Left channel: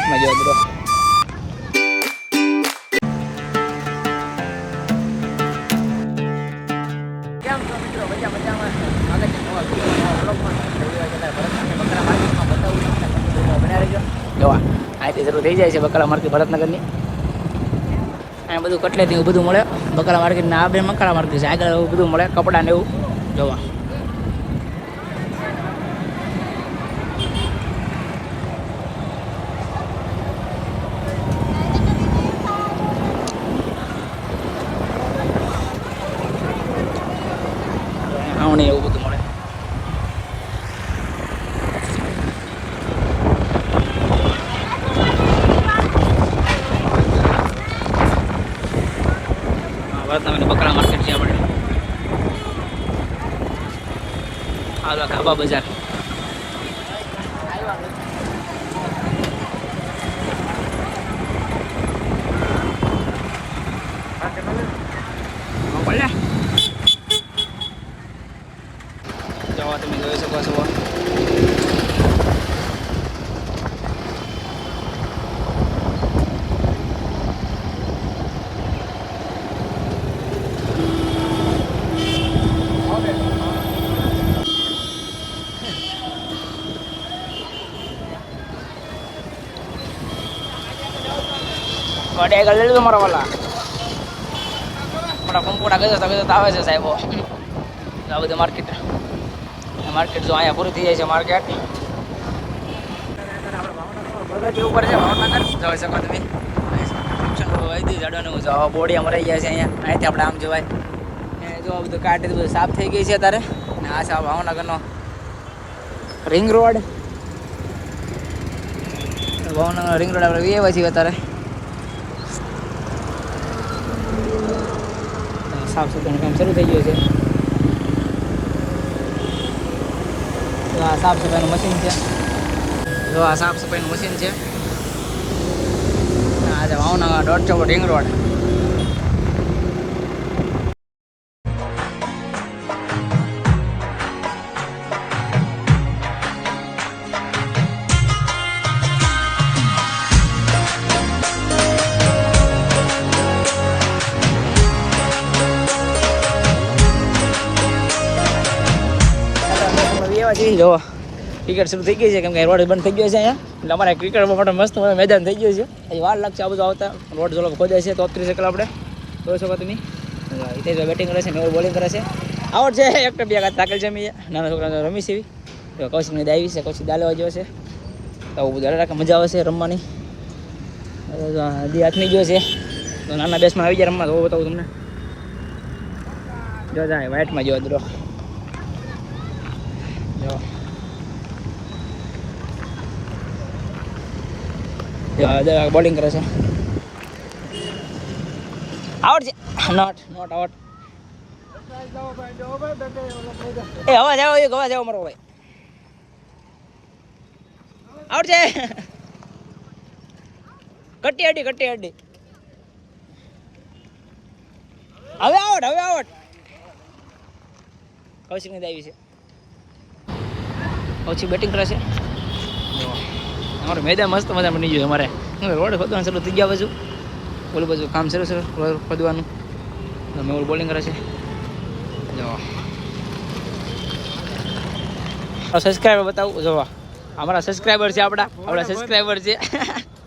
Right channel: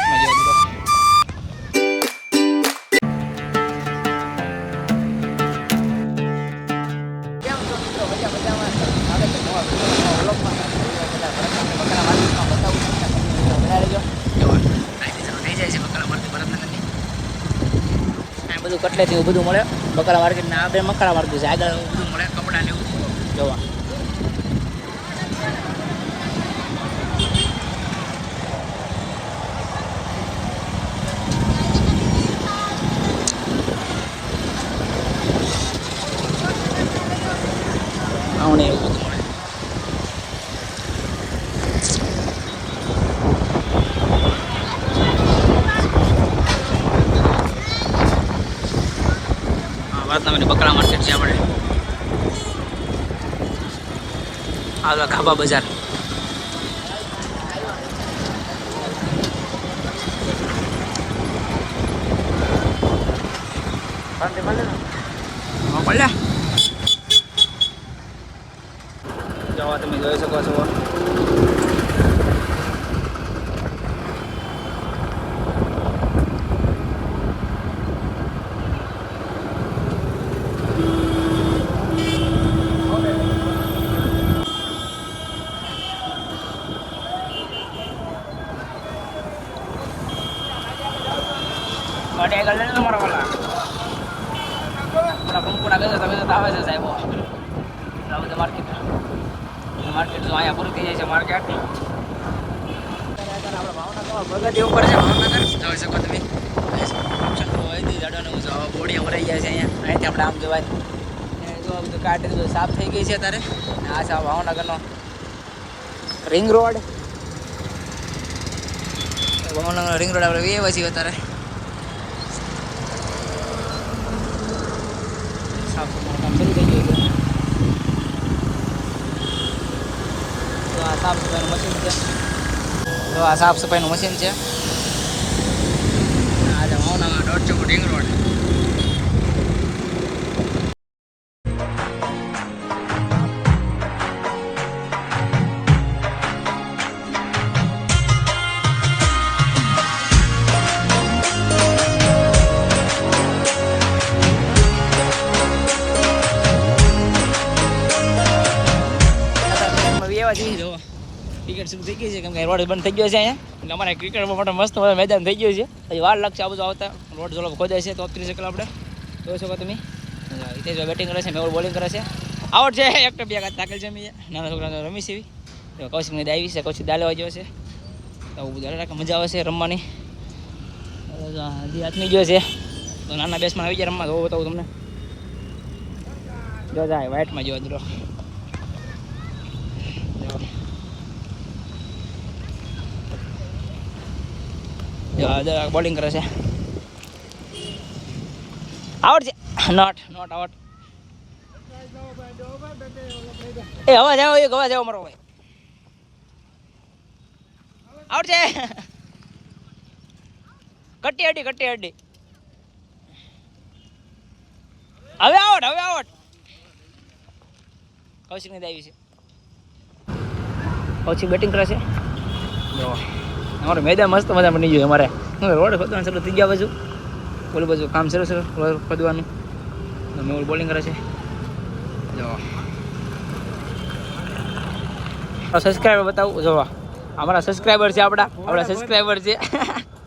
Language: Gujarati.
હાથમાં જોવા બ્રો શરૂ થઈ જાય છે બકાલા માર્કેટ, ભરતનગરની. અહીંયા બધું કટલેથી એવું બધું મળે. બકાલા માર્કેટના ના બે મકાલા માર્કેટ છે. આગળ એવું બધું મળે, કપડાં ને એવું. ઘઉંની એવું બધું મળે હા, વડનગરની બકરા માર્કેટ છે આપણે આ ખાબા બજાર હા, ભલે જવા તમે જોઈ શકો છો. વડે મારા વાલા. થોડા કંકુડા ગજર ગજર આવે છે સાહેબો. આ બધું માર્કેટ માર્કેટ તો અહીંયા પૂરી થઈ જાય છે માર્કેટ પ્રગતિ ઉપર છે, ભાવનગર. જોઈ શકો તમે. જો બોડી મરાઈ ગયા છે અહીંયા. અહીંથી આપણે આમ જોવાય ને જો આ કાઢી બધું સાફ થઈ ગઈ છે તારે આ છે ભાવનગરનો ring road Bhavnagar ring road આપણે વીએ છીએ અત્યારે. સાફ સફાઈ થઈ ગયું આ સાફ સફાઈનું મશીન છે જો આ સાફ સફાઈનું મશીન છે. ભાવનગર દોઢ ફૂટ રિંગ રોડ જો ક્રિકેટ શરૂ થઈ ગઈ છે, કેમ કે રોડ બંધ થઈ ગયો છે અહીંયા. એટલે અમારે ક્રિકેટ માટે મસ્ત મેદાન થઈ ગયું છે. હજી વાર લાગશે આ બધું આવતા. રોડ જોલો ખોદાય છે તોત્રીસ એકલા આપણે. જોઈ શકો તમે? હિતેશ બેટિંગ કરે છે, મેહુલ બોલિંગ કરે છે. આવડ છે, એક બે કાચ તાકેલ છે. મેં નાના છોકરાને રમી છે તો કૌશિકની દાવી છે, કૌશિક દાલેવા જેવો છે. તો આવું બધું રાખે મજા આવે છે રમવાની. હજી હાથની ગયો છે. તો નાના બેસમાં આવી જાય રમવા, તો બતાવું તમને. જો જાય વ્હાઇટમાં જો દ્રો જો. બોલિંગ કરે છે. આઉટ છે. નોટ નોટ આઉટ એ, હવા જાવ એક હવા જાવ મારો ભાઈ. આઉટ છે. કટ્ટી અડી કટ્ટી અડી. હવે આવડ હવે આવડ કૌશિકની દાવી છે. પછી બેટિંગ કરે છે. અમારું મેદાન મસ્ત મજા બની ગયું અમારે. રોડ ખોદવાનું શરૂ થઈ ગયા બાજુ. ઓલું બાજુ કામ શરૂ છે રોડ ખોદવાનું મેં બોલિંગ કરે છે. જો. સબસ્ક્રાઈબર બતાવું, જોવા. અમારા સબસ્ક્રાઈબર છે આપણા આપણા સબસ્ક્રાઈબર છે.